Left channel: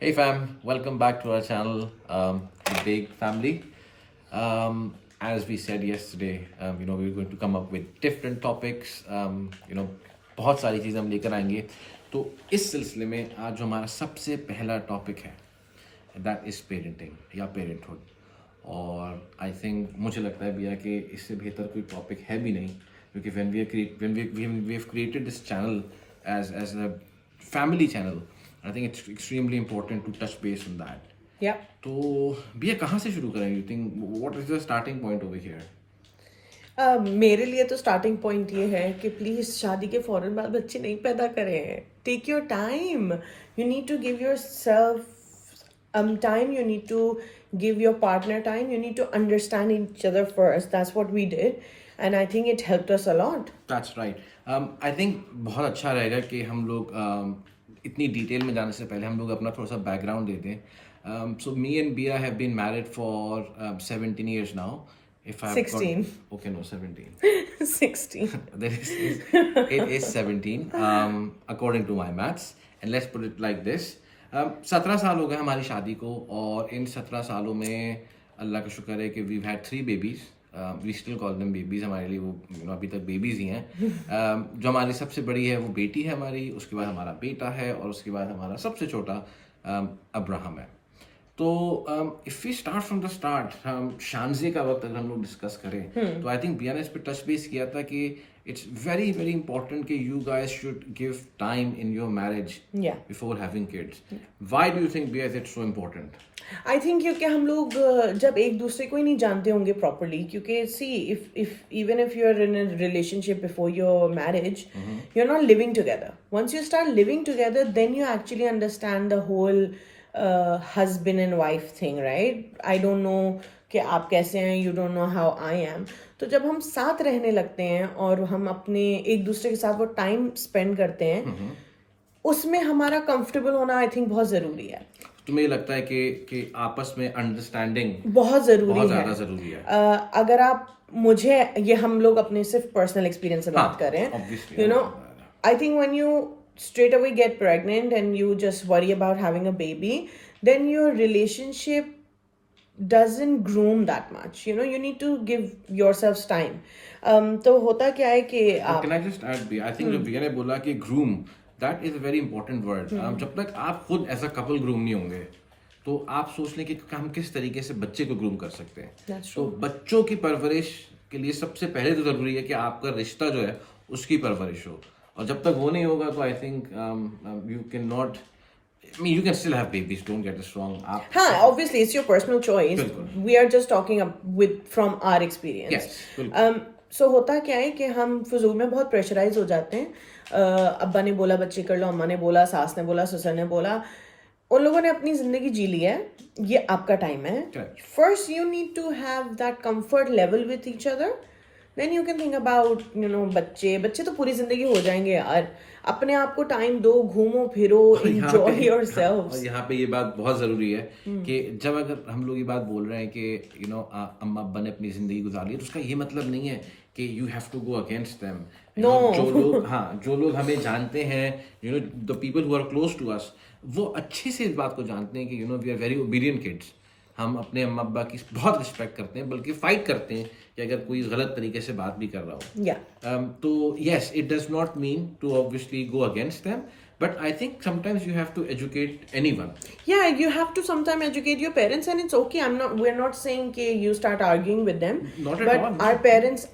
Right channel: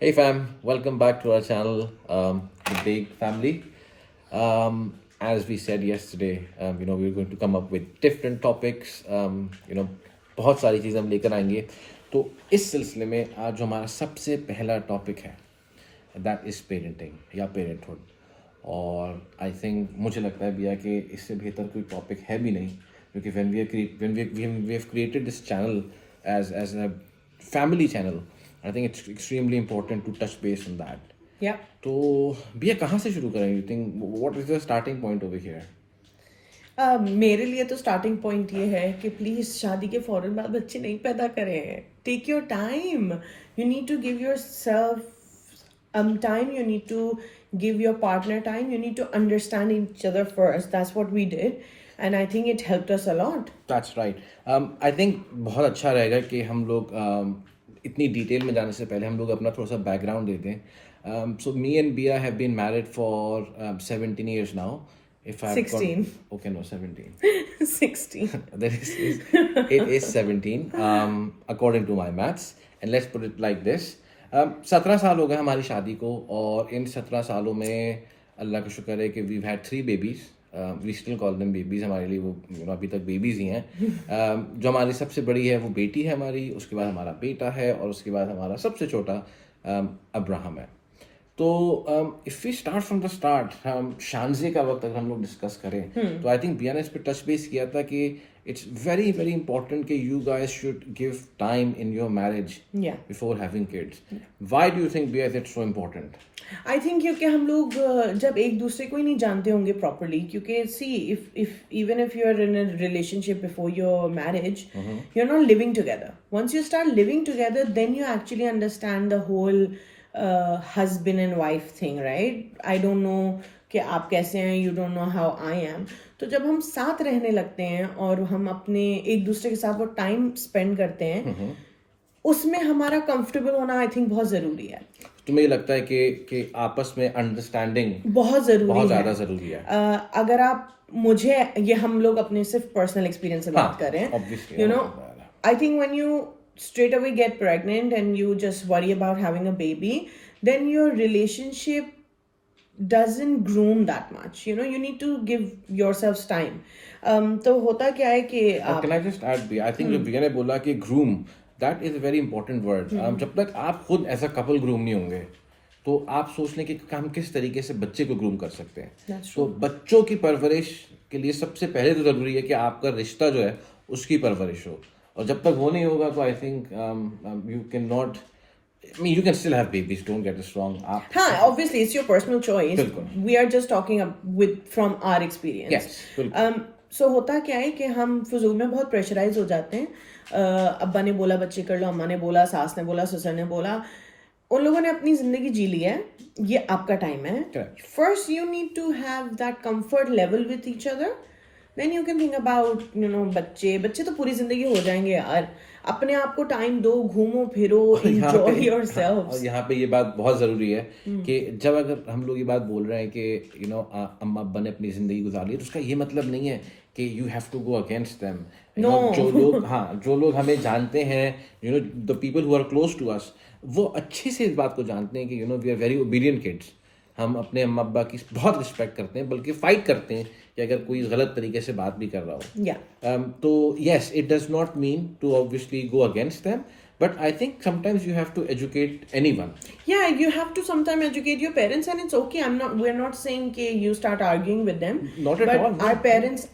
Hey fam, welcome back to our channel, The Big Family. As we said yesterday, we're going to come up with different topics. बहुत सारी चीज़ें हम लेकर आएंगे. तो इस सिलसिले में आज जो हमारा सबसे पहला टॉपिक है, दैट इज़ पेरेंटिंग या पेरेंटहुड. और आई थिंक मुझे लगता है भैया कि इससे बेहतर कोई टॉपिक है भी नहीं, क्योंकि when we have created this channel as a family channel, I think it's extremely important to touch base on that. या तो भैया कहाँ से शुरू करें? You think what is the starting point over here? मेरे लिए तो स्टार्टिंग पॉइंट ये है कि प्लीज शादी के फौरन बाद बच्चे नहीं पैदा करें. Take your time. You need to give yourself time. You need to give your partner time. You need to understand each other first. That's what we did and I think it helped us a lot. That's right. I think बहुत अच्छा रहेगा कि हम लोग इतनी detail में जाने से पहले हम लोग अपना थोड़ा सा बैकग्राउंड दे दें. So me and Bia have been married for 17 years now. If I've 16. Okay, no, 17. 16. It is 17 according to my maths. And let's put it like this. 17 साल हो गए हमारी शादी को, और इन 17 सालों में अल्लाह का शुक्र है कि we've had 3 babies. We still call them babies. हमारे लिए वो अभी तक babies ही हैं. जो हमारी सबसे बड़ी है वो बेटी है हमारी, उसके बाद हमारा बेटा है, और उसके बाद हमारा सबसे छोटा अब्राहम है. तो if we start from the start, हम शानजे का वक्त अगर हम लोग डिस्कस करें तो आई थिंक बिया ने इस पे टच बेस किया था कि इट्स वेरी वेरी इंपॉर्टेंट कि you guys should give time in your marriage Yeah. Before having kids. Why do you think बिया it's so important? I think क्योंकि हम लोग जब एक दूसरे को ही नहीं जानते होंगे प्रॉपरली, क्योंकि see if even if you are in a relationship before your marriage, you are not living together. Once you start living together then you actually understand the whole husband and wife thing, right? I don't know कि आप कैसे हैं, you don't know how I am. तो जब हम साथ रहने लगते हैं और हम अपने एक दूसरे के साथ वो टाइम स्पेंड करते हैं, उसमें हमारा कंफर्टेबल होना आई थिंक बहुत जरूरी है. तुम्हें ये लगता है कि आपस में अंडरस्टैंडिंग बहुत जरूरी बहुत है. ज्यादा जरूरी है? अगर आप मुझे, ये हम लोग अपने सिर्फ पर्सनल एक्सपीरियंस से बात कर रहे हैं, obviously, you know, I think when you straight away get pregnant and you just worry about having a baby, then your relationship doesn't groom that much. You know, you need to give yourselves time. तो होता क्या है कि Can I just add, I think जो बिया ने बोला कि groom, that is a very important word. जब तक आप खुद एज अ कपल ग्रूम नहीं होंगे तो आप सोच लें कि हम किस तरीके से बच्चे को ग्रूम कर सकते हैं. That's तो बच्चों की परवरिश के लिए सबसे पहले तो जरूरी है कि आपका रिश्ता जो है उसकी परवरिश हो, और जब तक वो नहीं होगा तो I think you can not, I mean, you can still have babies, don't get us wrong. हाँ, obviously it's your personal choice. बिल्कुल. We are just talking with from our experience. Yes, बिल्कुल. So होता क्या है कि हम फजूल में बहुत प्रेशराइज हो जाते हैं. अब्बा ने बोला बच्चे कर लो, अम्मा ने बोला, सास ने बोला, ससुर ने बोला. उन लोगों ने अपनी जिंदगी जी ली है, ये आपका टाइम है. Correct. First you need to have that comfort level with each other. Then you can think about, you know, बच्चे तो पूरी जिंदगी हो जाएंगे यार. अपने आप को टाइम दो, घूमो फिरो, enjoy yourselves. और यहाँ पे ये बात बहुत ज़रूरी है कि जब अगर हम लोग ये बात बोल रहे हैं कि अम्मा अब्बा ने अपनी ज़िंदगी गुजारी है, तो उसका ये मतलब नहीं है कि you have to go against them. जो लोग हमें जानते हैं, the people who are close to us, वो अच्छे से इस बात को जानते हैं कि we are very obedient kids. हम अपने अम्मा अब्बा की बहुत रिस्पेक्ट करते हैं, बल्कि फाइट करते हैं कि अगर कोई गलत तरीके से बात भी कर रहा हो. Yeah. तो yes, it does not mean to obviously go against them, but I think sometimes you have to educate anyone. Yeah, you have to sometimes educate your parents, and it's okay. We're not saying कि you start arguing with them. Not at but all, no. Our parents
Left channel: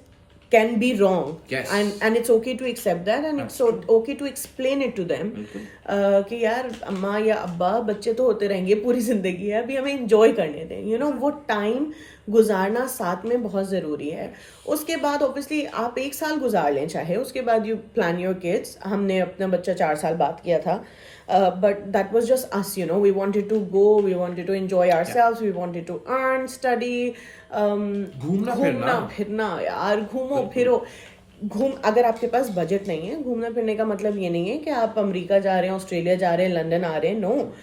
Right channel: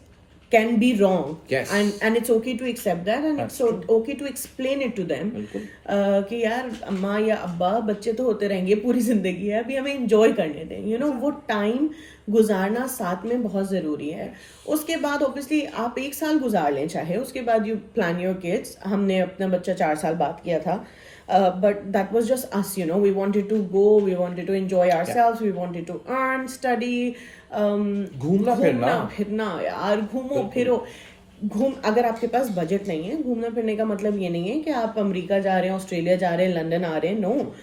can be wrong. Yes. And it's okay to accept that, and it's okay to explain it to them. बिल्कुल. कि यार अम्मा या अब्बा, बच्चे तो होते रहेंगे, पूरी जिंदगी है, अभी हमें एंजॉय करने दें. You know, वो टाइम गुजारना साथ में बहुत ज़रूरी है. उसके बाद ऑब्वियसली आप 1 साल गुजार लें चाहे, उसके बाद यू प्लान योर किड्स. हमने अपना बच्चा 4 साल बाद किया था, but that was just us, you know. We wanted to go, we wanted to enjoy ourselves, we wanted to earn, study, घूमना फिरना यार, घूमो फिरो. अगर आपके पास बजट नहीं है, घूमना फिरने का मतलब ये नहीं है कि आप अमेरिका जा रहे हैं, ऑस्ट्रेलिया जा रहे हैं, लंदन आ रहे हैं. No,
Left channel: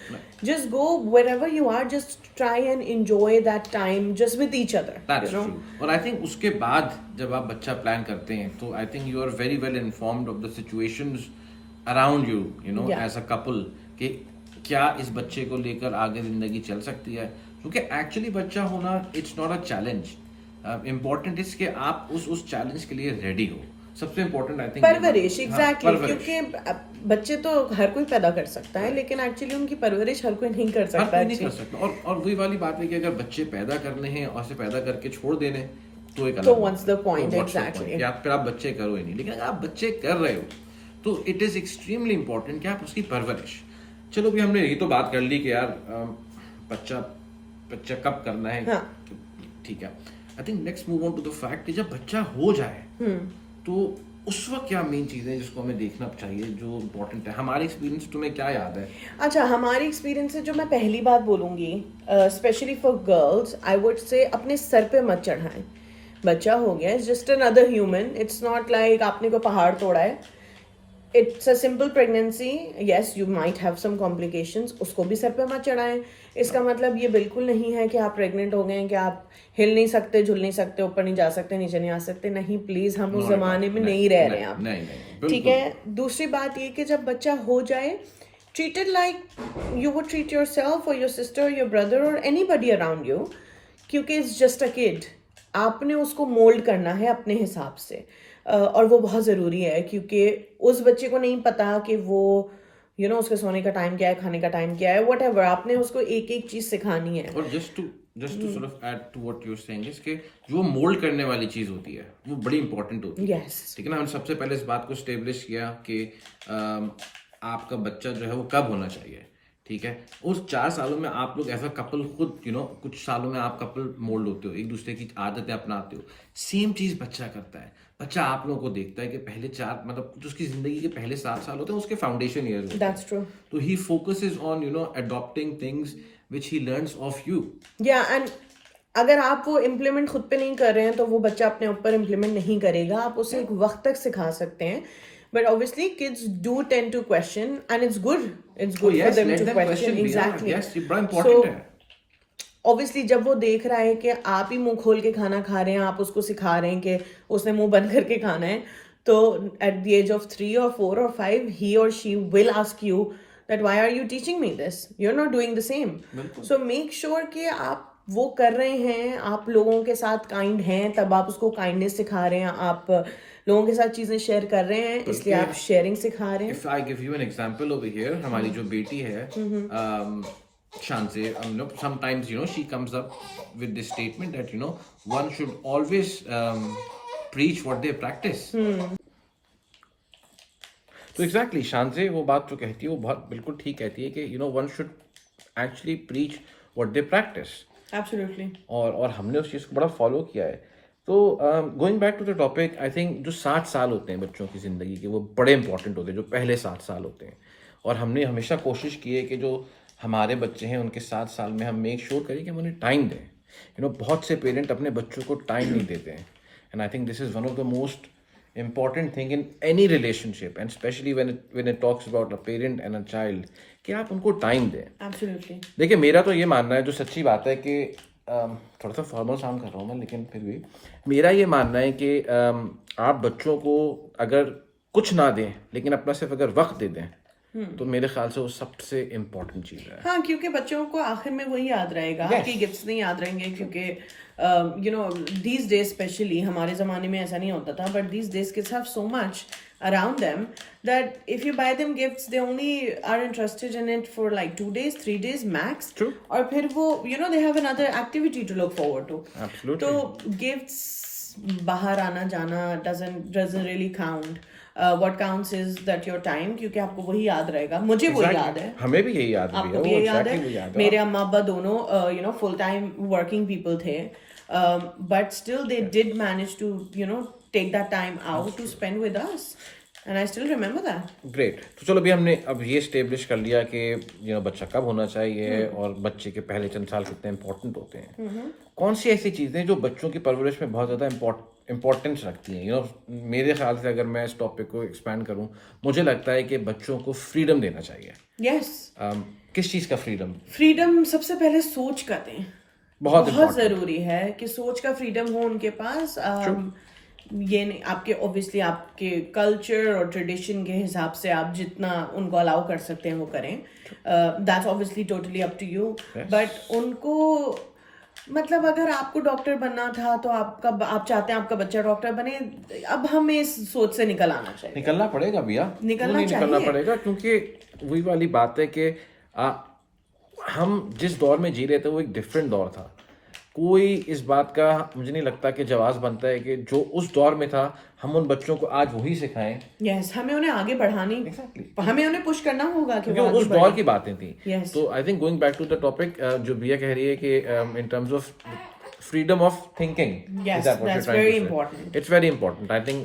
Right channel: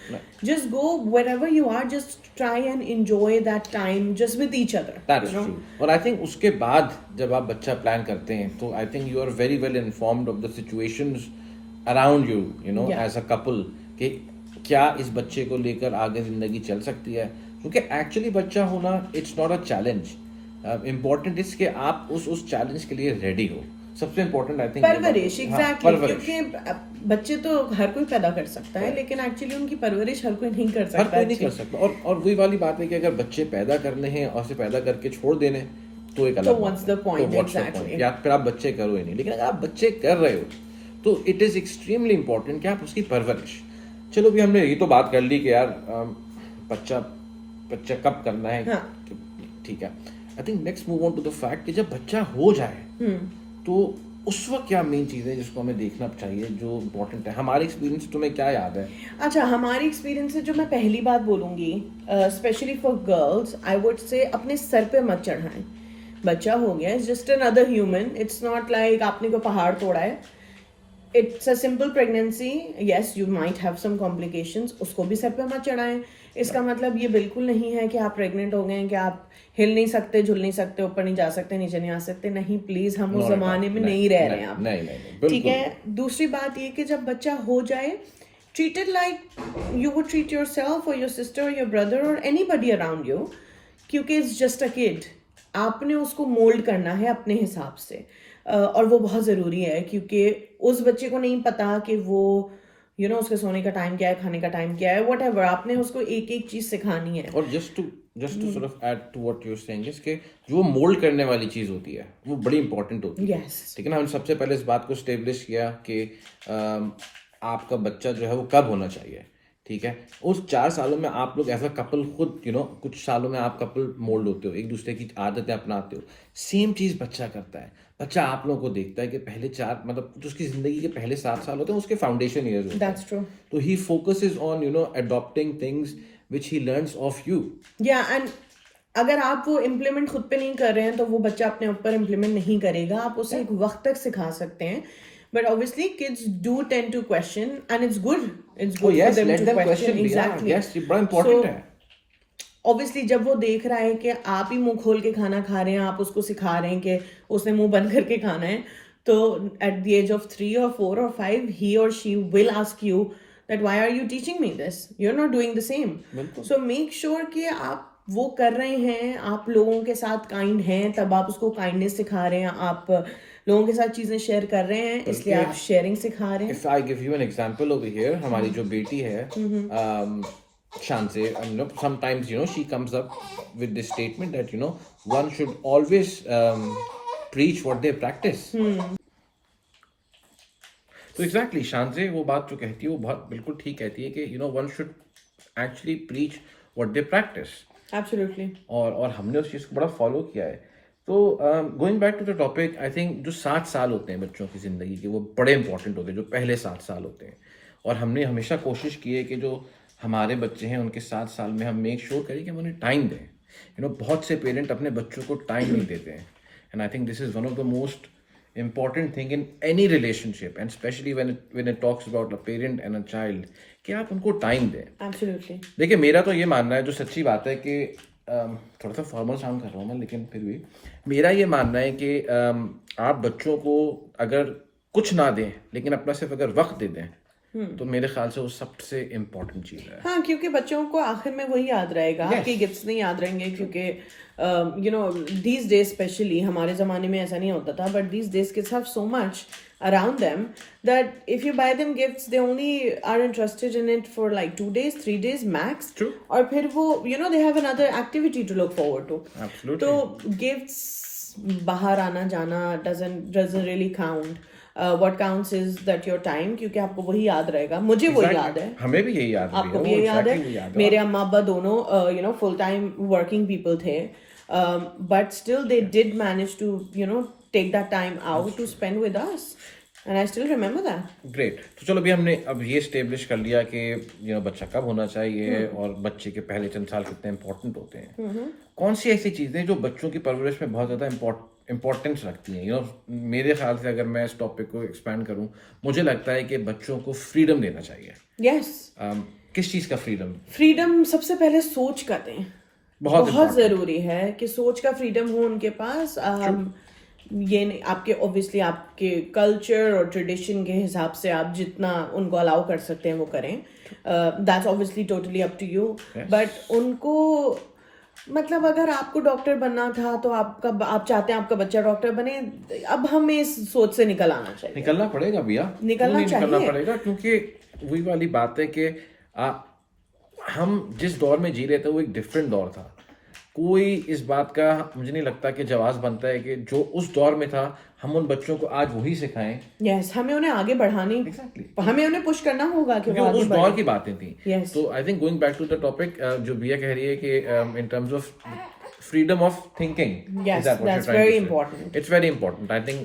just go wherever you are, just try and enjoy that time just with each other. That's true. और आई थिंक उसके बाद जब आप बच्चा प्लान करते हैं तो I think you are very well informed of the situations around you, as a couple, कि क्या इस बच्चे को लेकर आगे जिंदगी चल सकती है, क्योंकि एक्चुअली बच्चा होना it's not a challenge, important is कि आप उस चैलेंज के लिए रेडी हो। सबसे इम्पोर्टेंट आई थिंक परवरिश, एग्जैक्टली, क्योंकि बच्चे तो हर कोई पैदा कर सकता है, लेकिन एक्चुअली उनकी परवरिश हर कोई नहीं कर हर सकता। कोई नहीं कर सकता। और वही वाली बात है कि अगर बच्चे पैदा करने हैं और से पैदा करके छोड़ देने तो एक अलग तो बात what's है। the point? तो what's the Exactly. point? कि फिर आप बच्चे करो ही नहीं, लेकिन अगर आप बच्चे कर रहे हो तो इट इज एक्सट्रीमली इंपॉर्टेंट कि आप उसकी परवरिश। चलो भी हमने ये तो बात कर ली कि यार बच्चा बच्चा कब करना है, हाँ। ठीक है। I think next move on to the fact कि जब बच्चा हो जाए तो उस वक्त क्या मेन चीज है जिसको हमें देखना चाहिए, जो इम्पोर्टेंट है। हमारे एक्सपीरियंस तुम्हें क्या याद है? अच्छा, हमारी एक्सपीरियंस से जो मैं पहली बात बोलूंगी, specially for girls, I would say अपने सर पे मत चढ़ाएं। बच्चा हो गया, it's just another human, it's not like आपने कोई पहाड़ तोड़ा है। It's a simple pregnancy, yes you might have some complications, उसको भी सर पे मत चढ़ाएं। इसका मतलब ये बिल्कुल नहीं है कि आप प्रेग्नेंट हो गए हैं कि आप हिल नहीं सकते, झुल नहीं सकते, ऊपर नहीं जा सकते, नीचे नहीं आ सकते। नहीं, प्लीज, हम उस जमाने में नहीं रह रहे हैं आप। नहीं, ठीक है। दूसरी बात ये कि जब बच्चा हो जाए, treat it like you would treat yourself or your sister or your brother or anybody around you, क्योंकि it's just a kid। आपने उसको मोल्ड करना है अपने हिसाब से, और वो बहुत ज़रूरी है, क्योंकि उस बच्चे को नहीं पता कि वो उसके सोने का टाइम क्या है, खाने का टाइम क्या है, whatever, आपने उसको एक एक चीज़ सिखानी है। और just to sort of add to what you're saying is कि जो मोल्ड करने वाली चीज होती है वो बड़ी इंपॉर्टेंट होती है। Yes. ठीक है ना। हमने सबसे पहले इस बात को स्टेब्लिश किया कि आपका बच्चा जो है वो कब होना चाहिए। ठीक है। उस 4 सालों में आप लोग एज अ कपल खुद कुछ सालों में आप कपल मोल्ड होते हो, एक दूसरे की आदतें अपनाते हो। सेम चीज बच्चा करता है। बच्चा आप लोगों को देखता है कि पहले 4 मतलब जो उसकी जिंदगी के पहले 7 साल होते हैं उसके फाउंडेशन ईयर्स होते हैं। That's true. तो ही focuses on adopting things which he learns of you. And अगर आप वो इम्प्लीमेंट खुद पे नहीं कर रहे हैं तो वो बच्चा अपने ऊपर इम्प्लीमेंट नहीं करेगा। आप उसे एक वक्त तक सिखा सकते हैं, but obviously kids do tend to question and it's good for them to question. Exactly, yes, ये बड़ा इंपॉर्टेंट है। ऑब्वियसली जब वो देख रहा है कि आप ही मुंह खोल के खाना खा रहे हैं, आप उसको सिखा रहे हैं कि उसने मुंह बंद करके खाना है, तो at the age of 3 or 4 or 5 he or she will ask you that why are you teaching me this, you're not doing the same. So make sure कि आप वो कर रहे हैं, आप लोगों के साथ काइंड हैं, तब आप उसको काइंडनेस सिखा रहे हैं, आप लोगों के साथ चीजें शेयर कर रहे हैं, इसलिए आप शेयरिंग सिखा रहे हैं। If I give you an example over here, हमारी जो बेटी है Shanze, sometimes she comes up with this statement that one should always preach what they practice. तो एग्जैक्टली शांजे वो बात जो कहती है वो बहुत बिल्कुल ठीक कहती है कि one should actually preach what they practice. Absolutely. और हमने उस चीज़ को बड़ा फॉलो किया है। तो going back to the topic, I think जो 7 साल होते हैं बच्चों की ज़िंदगी के वो बड़े इंपॉर्टेंट होते हैं, जो पहले 7 साल होते हैं। और हमने हमेशा कोशिश की है कि जो हमारे बच्चे हैं उनके 7 साल में हम मेक श्योर करें कि हम उन्हें टाइम दें। बहुत से पेरेंट अपने बच्चों को टाइम नहीं देते हैं, and I think this is one of the most important thing in any relationship, and especially when it talks about a parent and a child, कि आप उनको टाइम दें। Absolutely. देखिए मेरा तो ये मानना है, जो सच्ची बात है कि थोड़ा सा फॉर्मल साउंड कर रहा हूँ मैं, लेकिन फिर भी मेरा ये मानना है कि आप बच्चों को अगर कुछ ना दें लेकिन अपना सिर्फ अगर वक्त दे दें तो मेरे ख्याल से वो सबसे इम्पोर्टेंट चीज़ है। हाँ, क्योंकि बच्चों को आखिर में वही याद रहेगा, आपके गिफ्ट्स नहीं याद रहेंगे, क्योंकि these days स्पेशली, हमारे ज़माने में ऐसा नहीं होता था, but these days kids have so much around them that if you buy them gifts they only are interested in it for like 2 days 3 days max. True. और फिर वो they have another activity to look forward to. Absolutely. तो gifts बाहर आना जाना doesn't really count. What counts is that your time, क्योंकि आपको वही याद रहेगा। मुझे वो याद है, हमें भी यही याद है, आपको भी यही याद है। मेरे अम्मा अब्बा दोनों फुल टाइम वर्किंग पीपल थे, but still they did manage to take that time out to spend with us, and I still remember that. Great. तो चलो अभी हमने अब ये स्टेब्लिश कर लिया कि बच्चा कब होना चाहिए और बच्चे के पहले चंद साल कितने इंपॉर्टेंट होते हैं। कौन सी ऐसी चीजें जो बच्चों की परवरिश में बहुत ज्यादा इम्पोर्टेंस रखती हैं? मेरे ख्याल से अगर मैं इस टॉपिक को एक्सपैंड करूं, मुझे लगता है कि बच्चों को फ्रीडम देना चाहिए। यस। किस चीज का फ्रीडम? फ्रीडम सबसे पहले सोच का दें, बहुत जरूरी है कि सोच का फ्रीडम हो उनके पास। ये नहीं, आपके ऑब्वियसली आपके कल्चर और ट्रेडिशन के हिसाब से आप जितना उनको अलाउ कर सकते हैं वो करें. That's obviously totally up to you. But उनको मतलब अगर आपको डॉक्टर बनना था तो आप चाहते हैं आपका बच्चा डॉक्टर बने. अब हमें इस सोच से निकल आना चाहिए. निकलना पड़ेगा भैया, निकलना क्यों नहीं निकलना चाहिए. पड़ेगा, क्योंकि वही वाली बात है कि हम जिस दौर में जी रहे थे वो एक डिफरेंट दौर था. कोई इस बात का मुझे नहीं लगता कि जवाब बनता है कि जो उस दौर में था हम उन बच्चों को आज वही सिखाएं. यस, हमें उन्हें आगे बढ़ानी, हमें उन्हें पुश करना होगा कि वो जो आगे उस दौर बढ़े. की बातें थी. Yes. तो I think going back to the topic, जो भैया कह रही है कि in terms of freedom of thinking, Yes, is that what that's you're trying very to say? important. It's very important. I think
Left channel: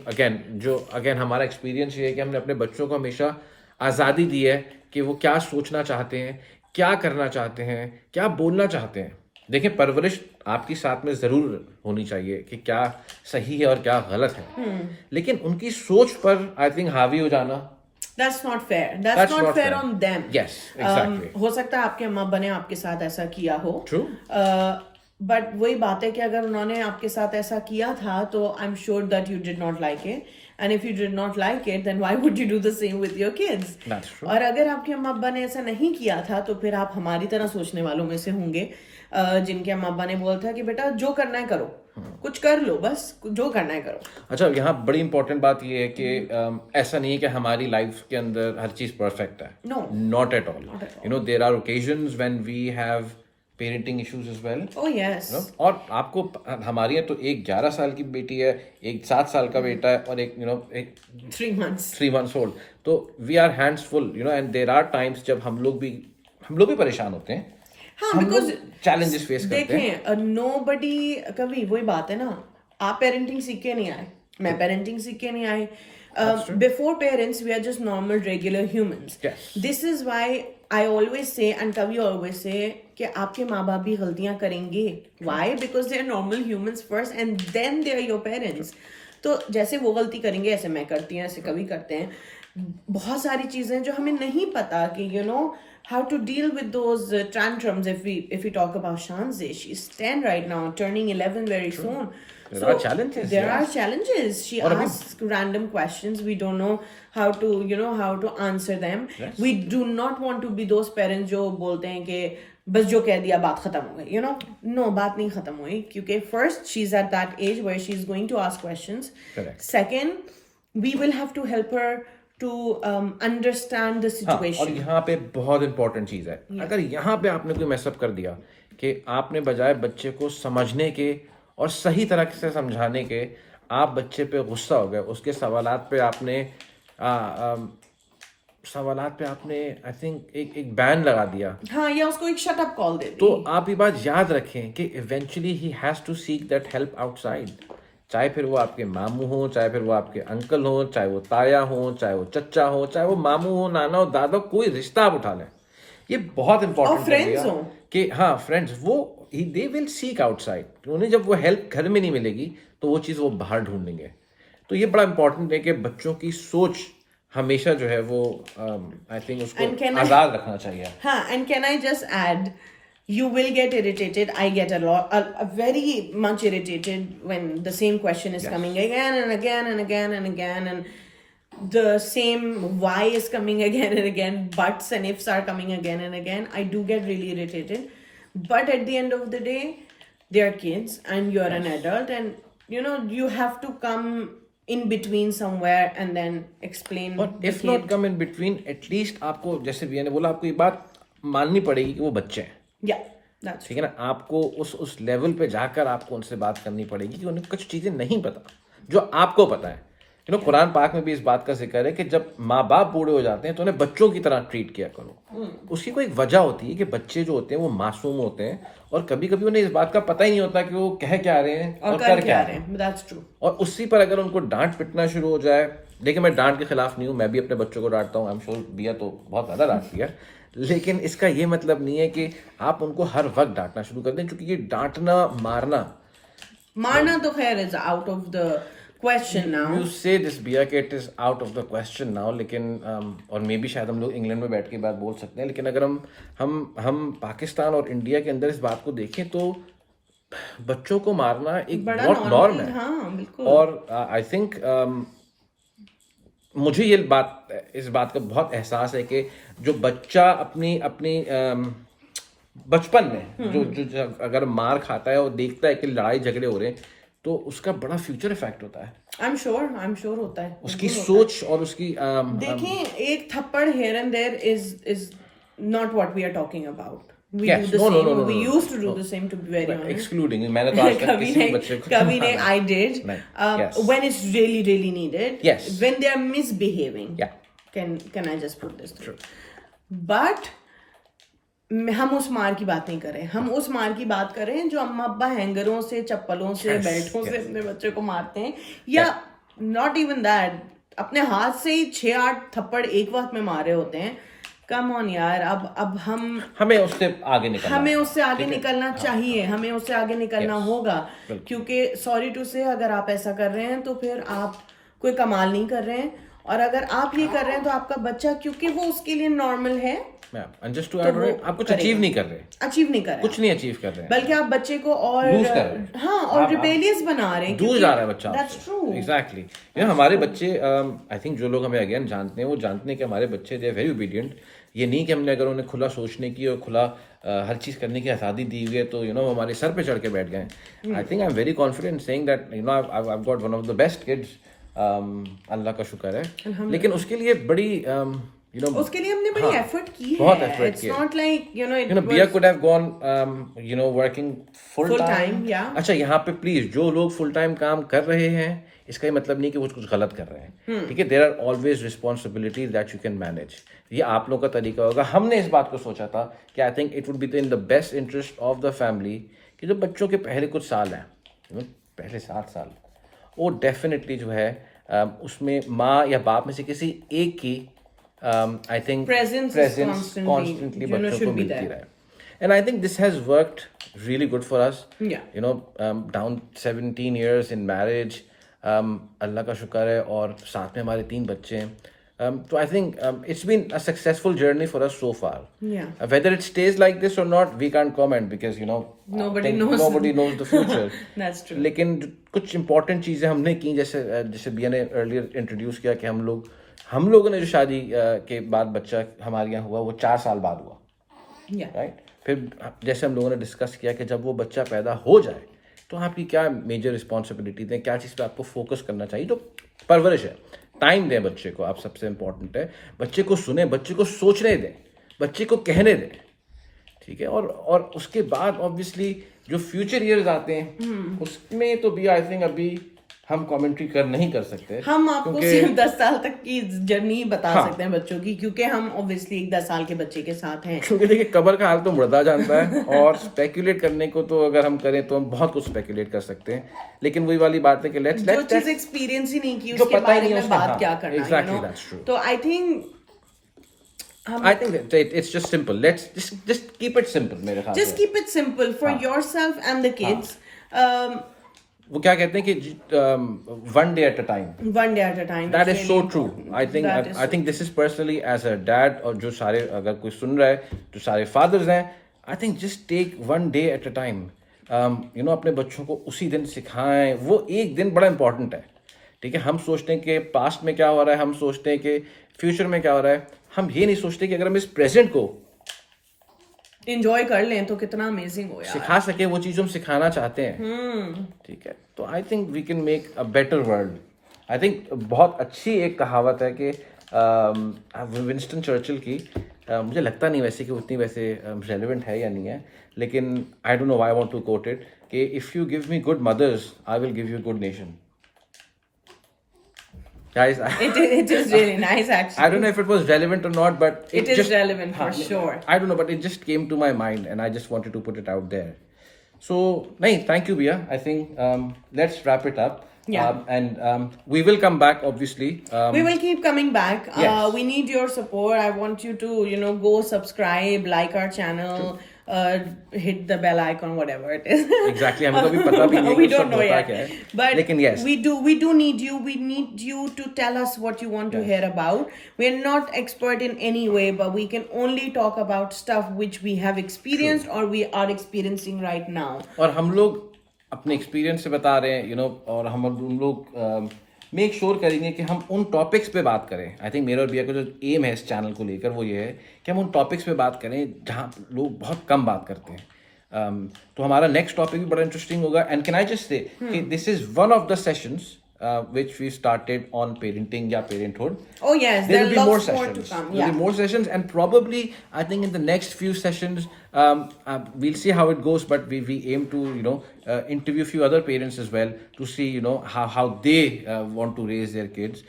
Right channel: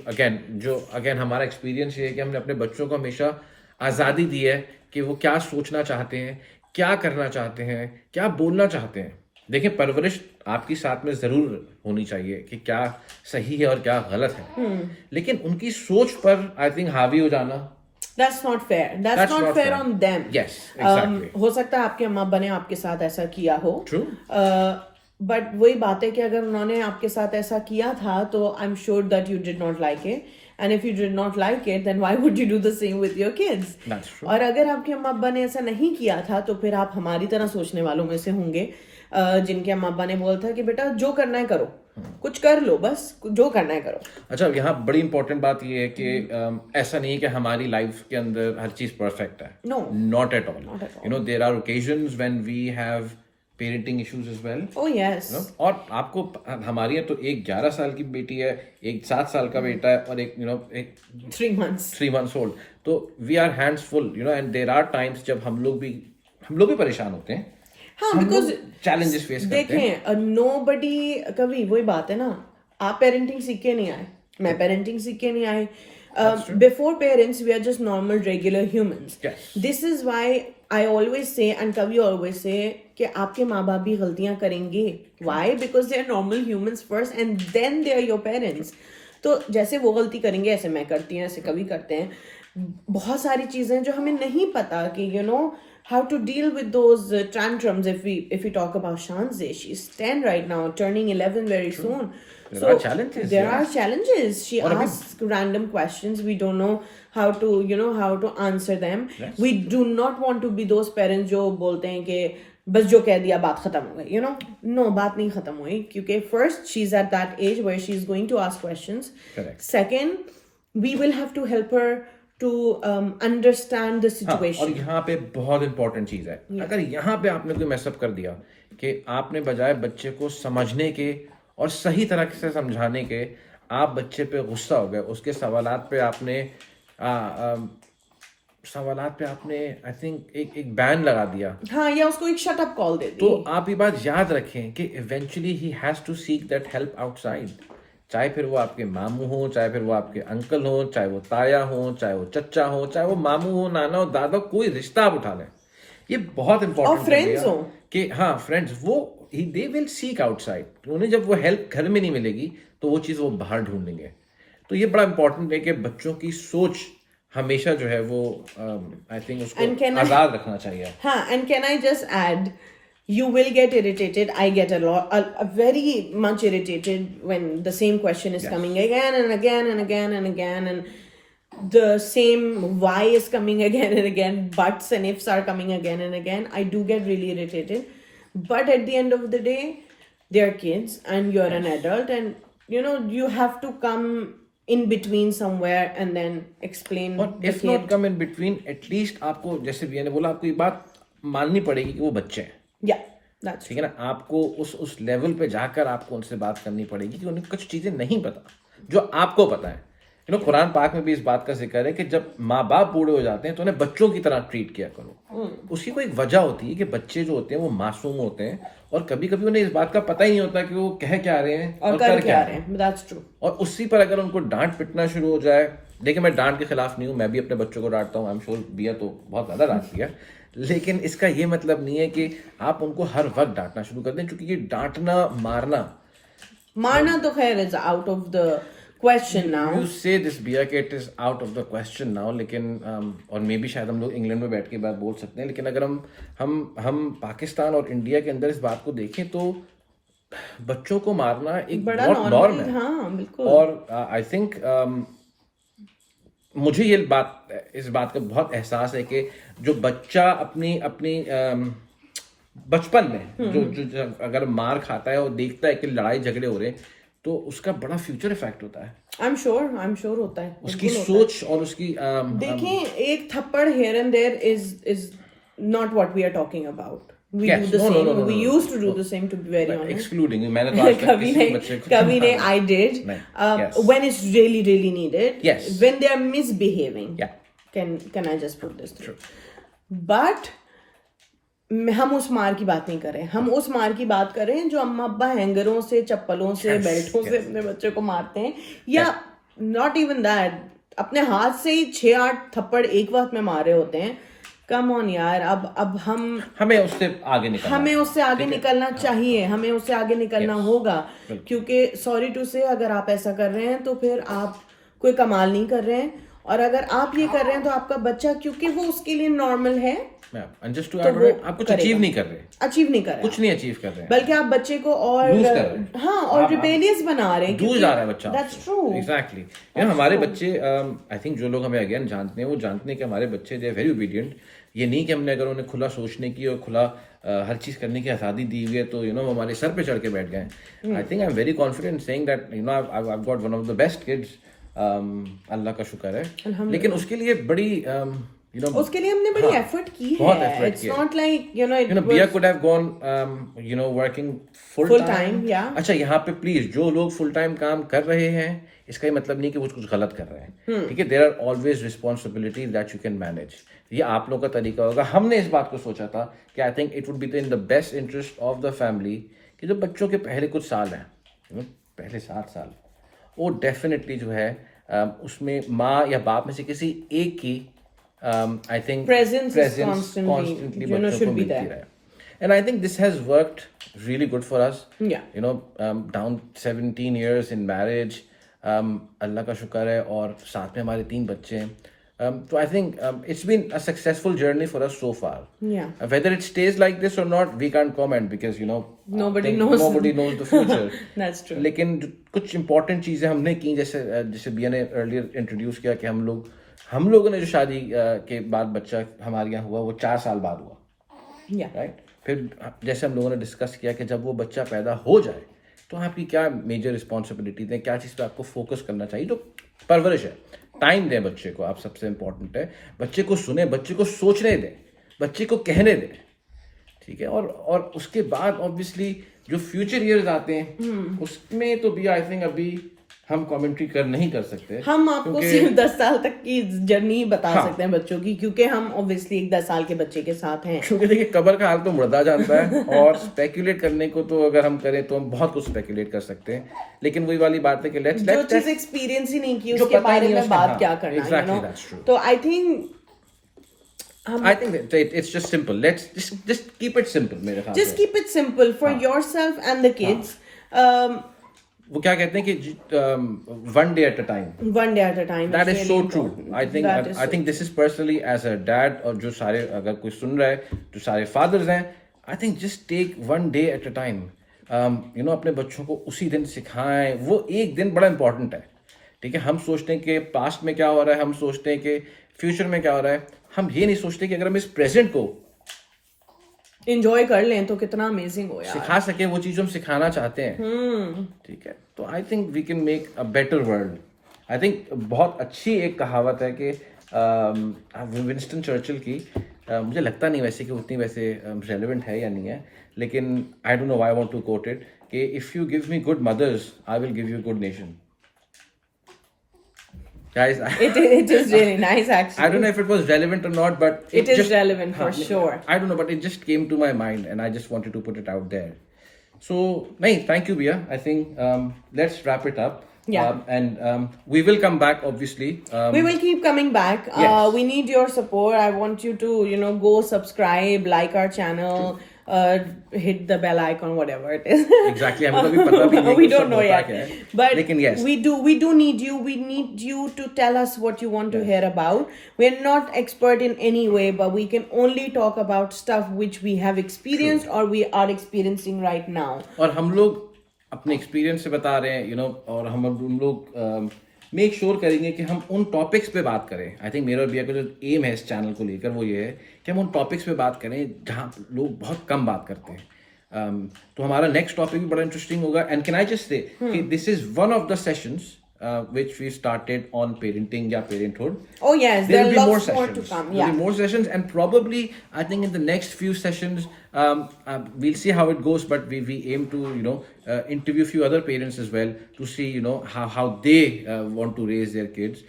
again हमारा experience ये है कि हमने अपने बच्चों को हमेशा आज़ादी दी है कि वो क्या सोचना चाहते हैं, क्या करना चाहते हैं, क्या बोलना चाहते हैं. देखिए, परवरिश आपकी साथ में जरूर होनी चाहिए कि क्या सही है और क्या गलत है, लेकिन उनकी सोच पर आई थिंक हावी हो जाना, That's not fair. That's not fair on them. Yes, exactly. हो सकता है आपके अम्मा बने आपके साथ ऐसा किया हो. True. बट वही बात है कि अगर उन्होंने आपके साथ ऐसा किया था तो I am sure that you did not like it. And if you did not like it then why would you do the same with your kids. और अगर आपके अम्मा अब्बा ने ऐसा नहीं किया था तो फिर आप हमारी तरह सोचने वालों में से होंगे, जिनके अम्मा अब्बा ने बोला था कि बेटा जो करना है करो, कुछ कर लो, बस जो करना है करो. अच्छा, यहाँ बड़ी इंपॉर्टेंट बात ये है कि ऐसा नहीं है कि हमारी लाइफ के अंदर हर चीज परफेक्ट है. No, not at all. You know, there are occasions when we have parenting issues as well. Oh yes. और आपको हमारी है तो एक 11 साल की बेटी है, एक 7 साल का बेटा है और एक एक 3 months ओल्ड. तो we are hands full, you know, and there are times जब हम लोग भी परेशान होते हैं. हाँ, बिकॉज चैलेंजेस फेस करते हैं. देखें, नोबडी, कभी वही बात है ना, आप पेरेंटिंग सीख के नहीं आए, मैं पेरेंटिंग सीख के नहीं आई. Before parents we are just normal regular humans. Yes. This is why I always say and कभी always say कि आपके माँ बाप भी गलतियां करेंगे. Why? Because they are normal humans first and then they are your parents. तो जैसे वो गलती करेंगे ऐसे मैं करती हूँ, ऐसे कभी करते हैं. बहुत सारी चीजें जो हमें नहीं पता कि you know how to deal with those tantrums. If we talk about Shanze, she's 10 right now, turning 11 very soon. There are challenges. There are challenges. She asks random questions. We don't know how to, how to answer them. Yes. We do not want to be those parents जो बोलते हैं कि बस जो कह दिया बात खत्म हो गई. No, बात नहीं खत्म हुई, क्योंकि first she's at that age where she's going to ask questions. Correct. Second, we will have to help her to understand the situation. और यहाँ पे बहुत इंपॉर्टेंट चीज है, अगर यहाँ पे आपने कोई मैसअप कर दिया कि आपने बजाय बच्चे को समझने के और सही तरह से समझाने के, आप बच्चे पे गुस्सा हो गए, उसके सवालात पे आपने आई थिंक एक बैन लगा दिया. हाँ, या उसको एक शट अप कॉल दे दी. तो आप ये बात याद रखें कि eventually he has to seek that help outside. चाहे फिर वो आपके मामू हो, चाहे फिर वो आपके अंकल हो, चाहे वो ताया हो, चाहे वो चच्चा हो, चाहे वो मामू हो, नाना हो, दादा, कोई रिश्ता आप उठा लें. ये बहुत इंपॉर्टेंट और फ्रेंड्स हो कि हाँ, फ्रेंड्स, वो दे विल सीक आउटसाइड. उन्हें जब वो हेल्प घर में नहीं मिलेगी तो वो चीज़ वो बाहर ढूंढेंगे. तो ये बड़ा इंपॉर्टेंट है कि बच्चों की सोच हमेशा जो है वो आई थिंक उसको आजाद रखना चाहिए. हाँ, and can I just add, you will get irritated. I get a very much irritated when the same question is coming again and again and again and again, and the same why is coming again and again, buts and ifs are coming again and again. I do get really irritated, but at the end of the day, they are kids and you're an adult, and you have to come in between somewhere and then explain the if kid. not come in between, at least आपको, जैसे भैया ने बोला, आपको ये बात माननी पड़ेगी कि वो बच्चे हैं. Yeah, that's ठीक है ना. आपको उस लेवल पे जाकर आपको उनसे बात करनी पड़ेगी कि उन्हें कुछ चीजें नहीं पता जो आपको पता है. कुरान पाक में भी इस बात का जिक्र है कि जब माँ बाप बूढ़े हो जाते हैं तो उन्हें बच्चों की तरह ट्रीट किया करो. उसकी कोई वजह होती है कि बच्चे जो होते हैं वो मासूम होते हैं और कभी कभी उन्हें इस बात का पता ही नहीं होता कि वो कह क्या रहे हैं और कर क्या रहे हैं. That's true. और उसी पर अगर उनको डांट पिटना शुरू हो जाए, देखिए मैं डांट के खिलाफ नहीं हूँ, मैं भी अपने बच्चों को डांटता हूँ. आई एम श्योर बिया तो बहुत ज्यादा डांटती है, लेकिन इसका ये मतलब नहीं है कि आप उनको हर वक्त डांटना शुरू कर दें, क्योंकि ये डांटना मारना तो खैर is out of the question now. You से दिस बिया कि it is out of the question now, लेकिन और मे बी शायद हम लोग इंग्लैंड में बैठ के बात बोल सकते हैं, लेकिन अगर हम पाकिस्तान और इंडिया के अंदर इस बात को देखें तो बच्चों को मारना एक बड़ा बहुत नॉर्म है। हाँ बिल्कुल। और आई थिंक मुझे इस बात का बहुत एहसास है कि जो बच्चा अपनी अपनी बचपन में जो अगर मार खाता है और देखता है कि लड़ाई झगड़े हो रहे हैं, तो उसका बड़ा फ्यूचर इफेक्ट होता है। आई एम श्योर होता है, उसकी सोच और उसकी देखें, एक थप्पड़ here and there is not what we are talking about. We Yes. do the No, no, same. no, no, We no, used to do no. the same, to be very honest. Excluding, मैंने तो आज तक कभी किसी बच्चे को कभी नहीं, I did. नहीं, yes. When it's really really needed. Yes. When they are misbehaving. Yeah. Can I just put this through? But हम उस मार की बात नहीं करें, हम उस मार की बात करें जो अम्मा अब्बा हैंगरों से, चप्पलों से, बेल्टों से अपने बच्चे को मारते हैं, या नॉट इवन दैट, अपने हाथ से ही 6-8 थप्पड़ एक वक्त में मारे होते हैं। कम ऑन यार, अब हमें उससे आगे निकलना चाहिए, हमें उससे आगे निकलना होगा, क्योंकि सॉरी टू से, अगर आप ऐसा कर रहे हैं तो फिर आप कोई कमाल नहीं कर रहे हैं, और अगर आप ये कर रहे हैं तो आपका बच्चा, क्योंकि वो उसके लिए नॉर्मल है, आप कुछ अचीव नहीं कर रहे, कुछ नहीं अचीव कर रहे हैं, बल्कि आप बच्चे को और रिबेलियस बना रहे हैं, दूर जा रहा है बच्चा। That's true, exactly. हमारे बच्चे, आई थिंक जो लोग हमें अगेन जानते हैं, वो जानते हैं कि हमारे बच्चे दे वेरी ओबीडियंट। ये नहीं कि हमने अगर उन्हें खुला सोचने की और खुला हर चीज करने की आजादी दी हुई है तो हमारे सर पे चढ़ के बैठ गए। I think I am very confident saying that I have got one of the best kids, Allah का शुक्र है। लेकिन उसके लिए बड़ी उसके लिए हमने बड़ी एफर्ट की है। It's not like Bia could have gone working full time. Yeah. अच्छा, यहाँ पे प्लीज जो लोग फुल टाइम काम कर रहे हैं, इसका ये मतलब नहीं कि वो कुछ गलत कर रहे हैं, ठीक है। There are always responsibilities that you can manage. ये आप लोगों का तरीका होगा। हमने इस बात को सोचा था कि आई think it would be in the best interest of the family कि जो बच्चों के पहले कुछ साल हैं, पहले 7 साल, वो डेफिनेटली जो है उसमें माँ या बाप में से किसी एक की I think presence constantly बच्चों को मिलती रहे। And I think this has worked really good for us. Yeah. Down 17 years in marriage, अल्लाह का शुक्र है, और साथ में हमारे 3 बच्चे हैं। So I think it's been a successful journey for us so far. Yeah. Whether it stays like this or not, we can't comment because nobody knows the future. That's true. लेकिन कुछ important चीजें हमने की, जैसे बिया ने earlier introduce किया कि हम लोगों ने जो शादी के बाद बच्चा हमारे यहाँ हुआ वो 4 साल बाद हुआ, राइट। फिर जैसे हम लोगों ने डिस्कस किया कि जब वो बच्चा पैदा हो जाए तो आपकी क्या मेजर रिस्पॉन्सिबिलिटीज हैं, क्या चीज़ पे आपको फोकस करना चाहिए। तो परवरिश है, टाइम दें बच्चे को, आप सबसे इम्पोर्टेंट है। बच्चे को सुने, बच्चे को सोचने दें, बच्चे को कहने दें, ठीक है। और उसके बाद ऑब्वियसली जो फ्यूचर ईयर्स आते हैं उसमें तो भी आई थिंक अभी हम कमेंट्री नहीं कर सकते। हम आपको सिर्फ 10 साल तक की जर्नी बता सकते हैं बच्चों की, क्योंकि हम ऑब्वियसली एक 10 साल के बच्चे के साथ हैं। क्योंकि देखिए, कब्र का हाल तो मुर्दा जानता है, और स्पेकुलेट करने को तो अगर हम करें तो हम बहुत कुछ स्पेकुलेट कर सकते हैं, लेकिन वही वाली बात है कि जो चीज एक्सपीरियंस ही नहीं की उसके बारे में बात क्या करना, तो I think it's just simple. Let's just keep it simple. मेरे ख्याल से just keep it simple for yourself and the kids. वो क्या कहते हैं कि one day at a time. One day at a time. That is so true. I think this is personally as a dad, और जो सारे अगर कोई सुन रहा है, जो सारे fathers हैं, I think just take one day at a time. अपने बच्चों को उसी दिन सिखाएं। वो एक दिन बड़ा इंपॉर्टेंट है, ठीक है। हम सोचते हैं कि पास्ट में क्या हो रहा है, हम सोचते हैं कि फ्यूचर में क्या हो रहा है, हम ये नहीं सोचते कि अगर हम इस प्रेजेंट को एंजॉय कर लें तो कितना अमेजिंग हो यार, सिखा सके वो चीज हम सिखाना चाहते हैं, ठीक है। तो I think we can make a better world. I think बहुत अच्छी एक कहावत है कि विंस्टन चर्चिल की, मुझे लगता नहीं वैसे कि उतनी वैसे रेलेवेंट है या नहीं है, लेकिन I don't know why I want to quote it कि if you give me good mothers I will give you good nation. Guys, it is really nice actually. I don't know if it was relevant or not, but it is relevant for sure. I don't know, but it just came to my mind and I just wanted to put it out there. So, thank you, Bia. I think let's wrap it up. Yeah. And we will come back, obviously. We will keep coming back. Yes. We need your support. I want you to, go subscribe, like our channel. hit the bell icon, whatever it is. Exactly, हमको भी पता भी नहीं We कि don't सब know होता yet, क्या है. but लेकिन yes, we do need you. We need you to tell us what you want to hear about. We're not expert in any way, but we can only talk about stuff which we have experienced or we are experiencing right now. और हम लोग अपने experience से बता रहे हैं, और हम लोग मेक श्योर करेंगे कि हम उन टॉपिक्स पे बात करें. आई थिंक मेरा और बिया का जो एम है इस चैनल को लेकर वो ये है कि हम उन टॉपिक्स पे बात करें जहाँ लोग बहुत कम बात करते हैं. तो हमारा नेक्स्ट टॉपिक भी बड़ा इंटरेस्टिंग होगा. And can I just say कि this is one of the sessions which we started on parenting या parenthood. Oh yes, there are lots more to come. There'll be more sessions, and probably I think in the next few sessions we'll see how it goes. But we aim to interview a few other parents as well to see how they want to raise their kids.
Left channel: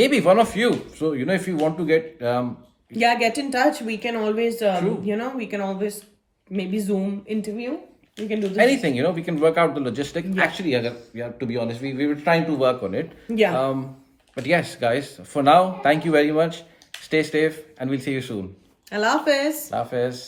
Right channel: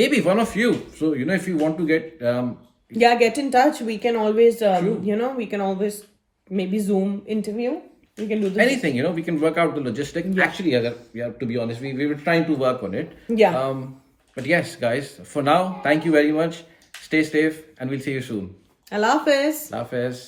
Maybe one of you. So if you want to get get in touch. We can always we can always maybe Zoom interview. We can do this. Anything, we can work out the logistics. Yeah. Actually, to be honest, we were trying to work on it. Yeah. But yes, guys, for now, thank you very much. Stay safe, and we'll see you soon. Allah Hafiz. Allah Hafiz.